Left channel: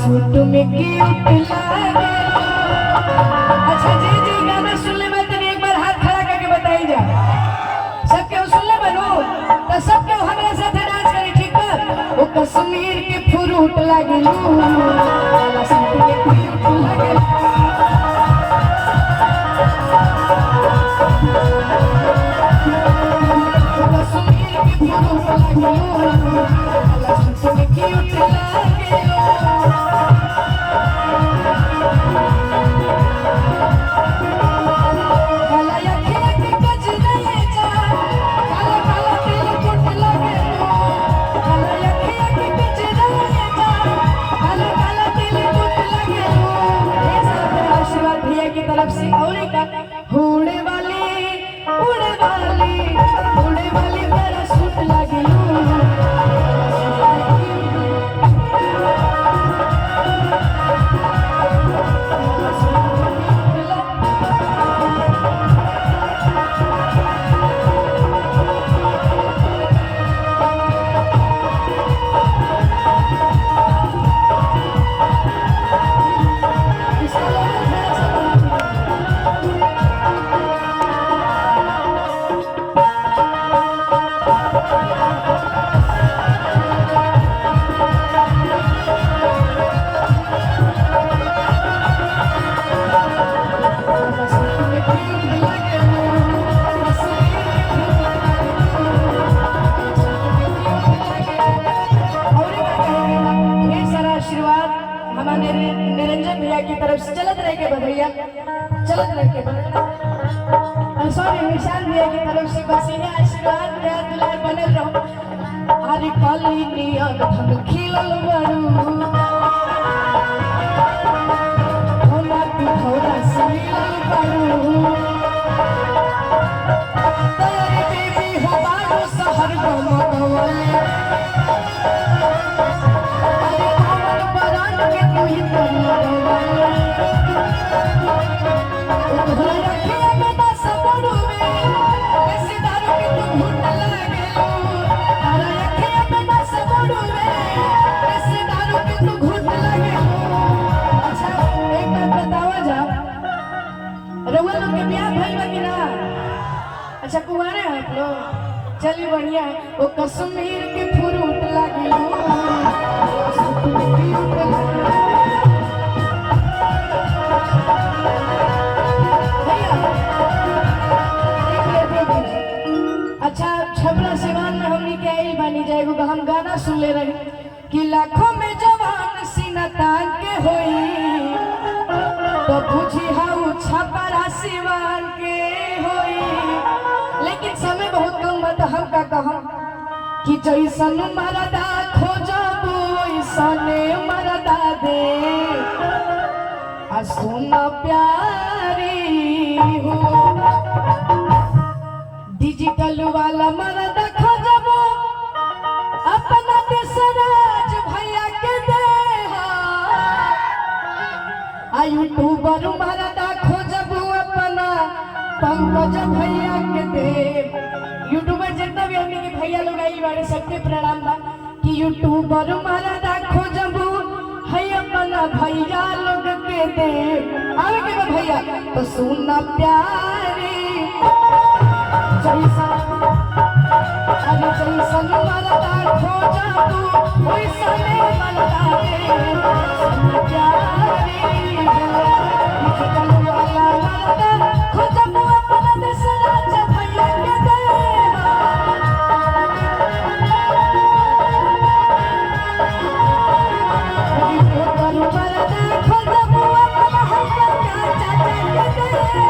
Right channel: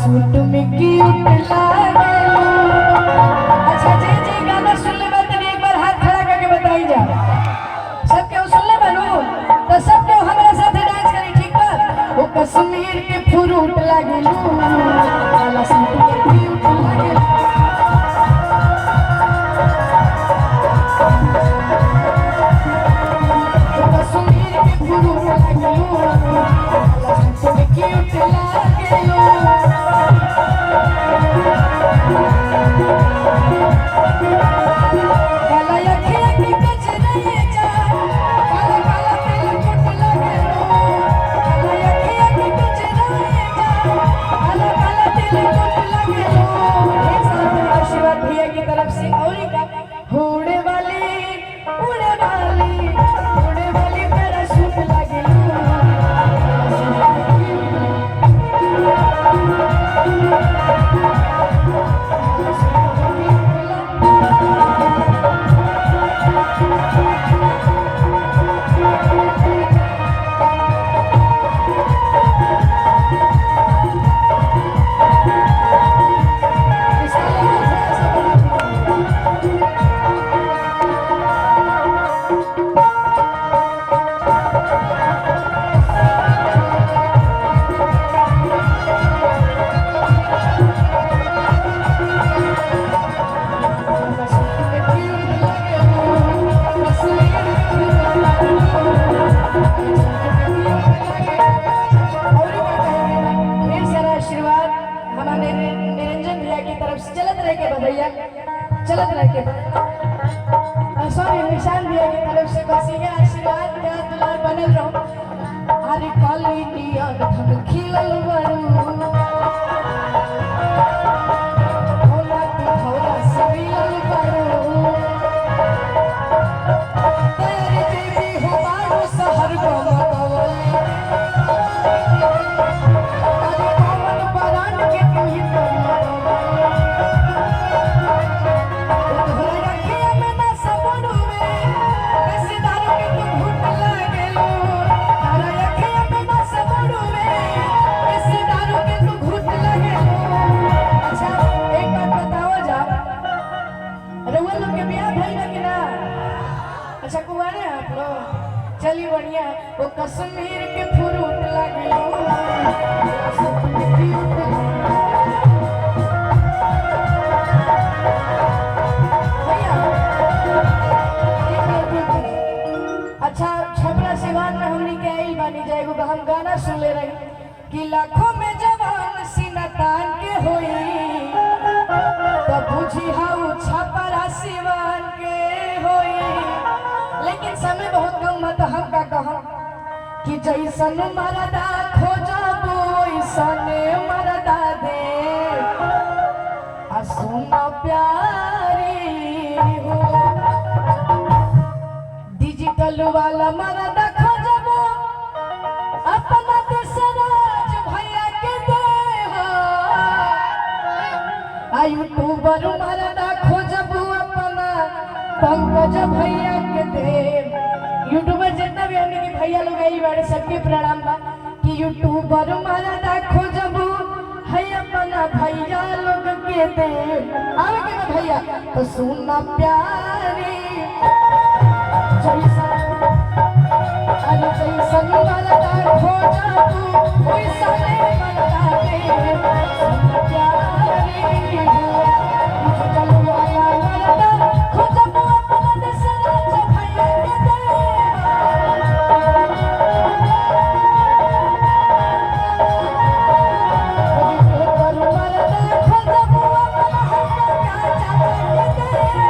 Suit में cute लागे। अच्छा जे जे गाना सुन ले बात एक बार हाथ खड़ा करके बताई जा। सब केहू सुन ले बानू तो सब केहू हमरा साथे डांस करी, ठीक बा? ओ कश्मीर के फ्रूट लागिलू, काला सूट में क्यूट लागे। निरंजन भैया की तरफ से चलत रह के भैया चलत रह के सॉरी निशान भैया की तरफ से बस ये आशीर्वाद के दुलार बनल रहो। हरी काली नियत हम खिलल बारू होला तू थोड़ा सिमिलल बारू तोरी बेबी हो बारू शहर गमकवले हरी कौन बरान के तू ही लगवले तोहरा रखिया में ना सबोड़ में ऐसी दारू के तू घुट लागेलो तोहरा रखिया में ना सबोड़ में ऐसी दारू के तू घुट लागेलो। अच्छा एक बात बतावा जा, रउआ लोग के ब्याह भइल बा कि ना? अच्छा कुंवारे हैं आप लोग? चलिए बढ़िया है। वो कश्मीर के फ्रूट लागेलो अच्छा छबरा सिवान में हमनी के आई बानी जाएगो हम गाना सुन ले रही कि लाखों में जवान सीना तान के होई तो बुझी हाउ छपरा सिवान के होई। लेकिन समय बहुत कम मत हम का कहम कि जैसन मरदा खोजबो वैसने मरदा दे आ सुना प्यारी हो डिजिटल वाला मरदा खोजबो अपना देशराज भैया के दे हो आ यूट्यूबर मरदा खोजबो अपना पंकज भैया के दे। यूट्यूबर जितना भी हमनी के भैया लोग आई बारे सबके प्रणाम बा कि यूट्यूबर मरदा खोजबो है अपना भैया लोग के दे। आवे के बा भैया तो सुनना प्यारी जैसन मरदा खोजबू वैसने मरदा दे सुनना प्यारी हो डिजिटल वाला मरदा खोजबू अपना देशराज भैया के दे। यूट्यूबर मरदा खोजबू अपना भैया चाचा के दे।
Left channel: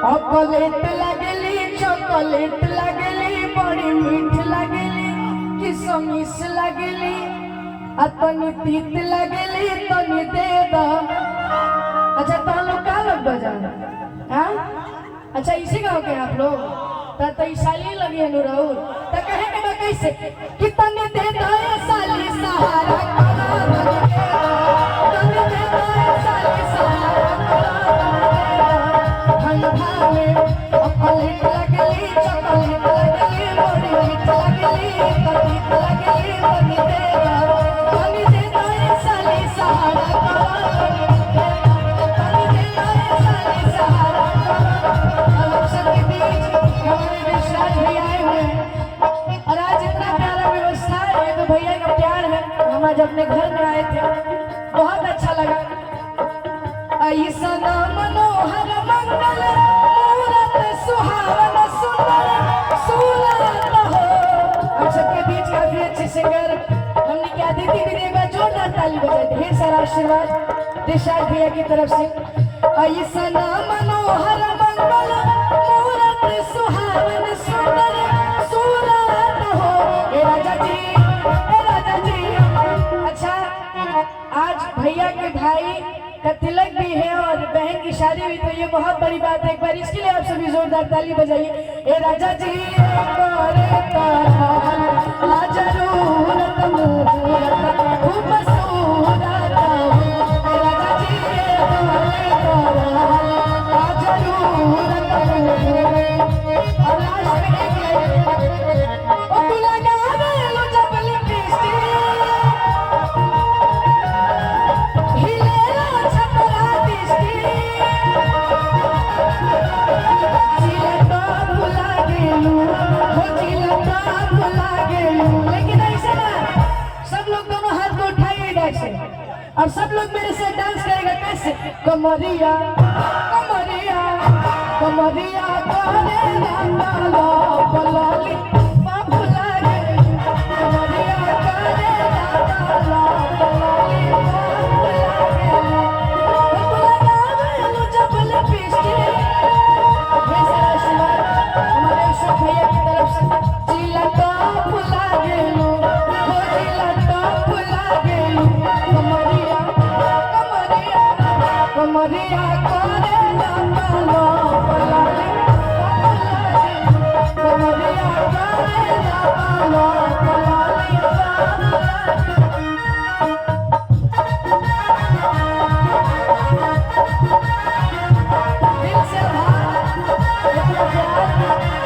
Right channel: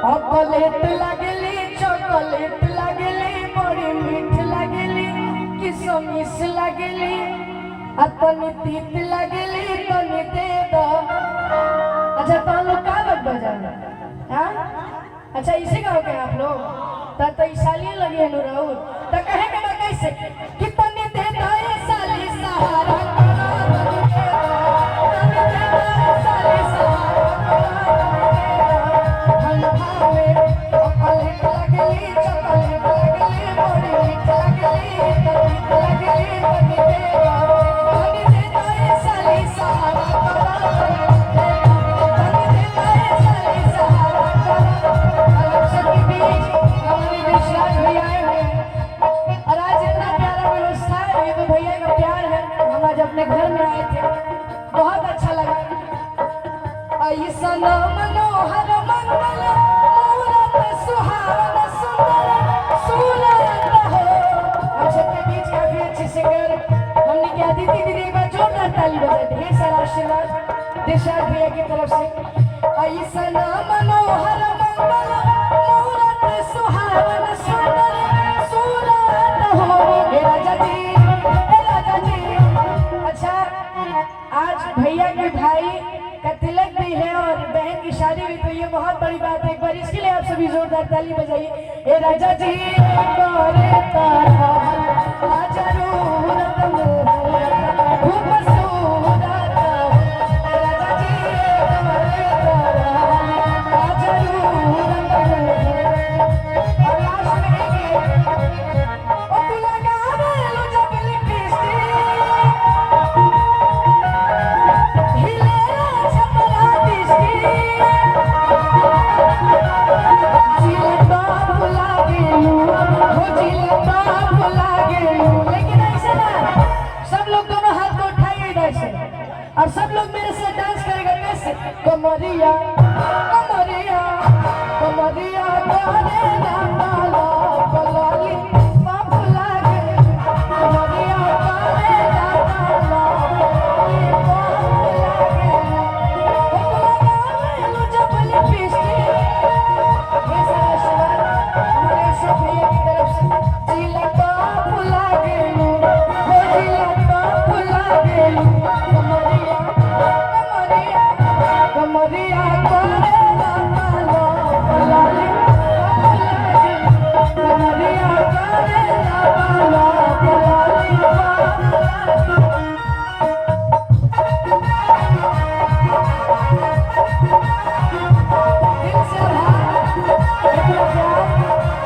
चॉकलेट लगली चॉकलेट लगली बड़ी मीठ लगली किशमिश लगली तनी तीत लगली तनी दे दो। अच्छा तो लोग का लोग बजा हाँ अच्छा इसी गाँव के आप लोग तो साली लगी है नूराउर तो कहे के मैं कैसे कि तनी दे दो ये साली सहारा तनी दे दो ये साली सहारा ठंडा में चॉकलेट लगली चॉकलेट लगली बड़ी मीठ लगली तनी लगली तनी दे दो ये साली सहारा तनी दे दो ये साली सहारा। अब सबके बीच हमारे विश्वास भैया आए हुए हैं और आज इतना प्यारा व्यवस्था है ये तो भैया का प्यार है। हम आज अपने घर में आए थे बहुत अच्छा लगा। ऐसा मनोहर मंगल मूरत सुहावन सुंदर सुलभ हो। हम सबके बीच काफी अच्छे सिंगर हमने क्या दी थी एक बार जोरदार ताली बजाई ढेर सारा आशीर्वाद दिशार भैया की तरफ से। ऐसा मनोहर मंगल मूरत सुहावन सुंदर सुलभ हो। हे राजा जी हे राजा जी। अच्छा आज भैया के भाई का तिलक भी है और बहन की शादी भी तो ये बहुत बड़ी बात है। एक बार इसके लिए आप सभी जोरदार ताली बजाइए। हे राजा जी खूब और सब लोग मेरे से डांस करेगा कैसे कमरिया कमरिया कमरिया करेगा पालो पलाली बाबू लागे कमरिया करेगा पालो पलाली बाबू लागे बाबू लागे लो जबल पिस्टी। ये सारा सवाल हमारे सब भैया की तरफ से जिला टॉप लागे लो जिला टॉप लागे लो कमरिया कमरिया करेला पालो पलाली कमरिया करेला पालो पलाली दिल से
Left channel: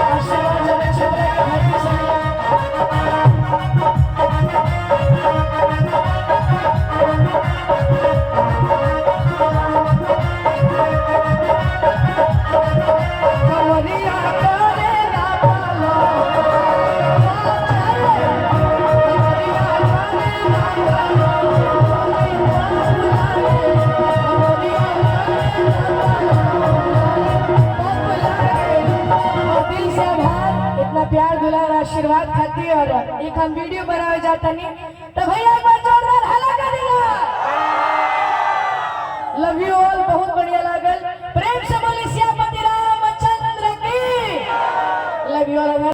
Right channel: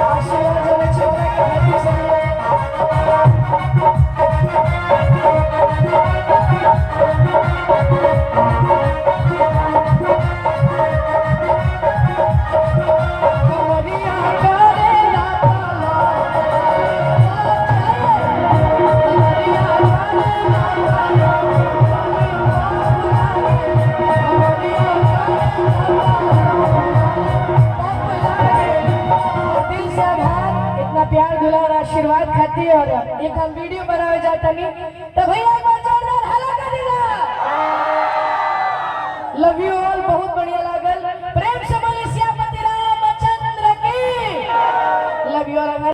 आशीर्वाद जब छपरा के हाथी से कमरिया करेला पालो कमरिया करेला पालो दिल से आभार इतना प्यार दुलार आशीर्वाद खाती और एक हम वीडियो बनाया जाता नहीं तो भैया एक बार जोरदार हल्ला कर देना। लव यू ऑल बहुत बढ़िया लागल प्रेम से बोली श्यामपति रामचंद्र की लव यू ऑल।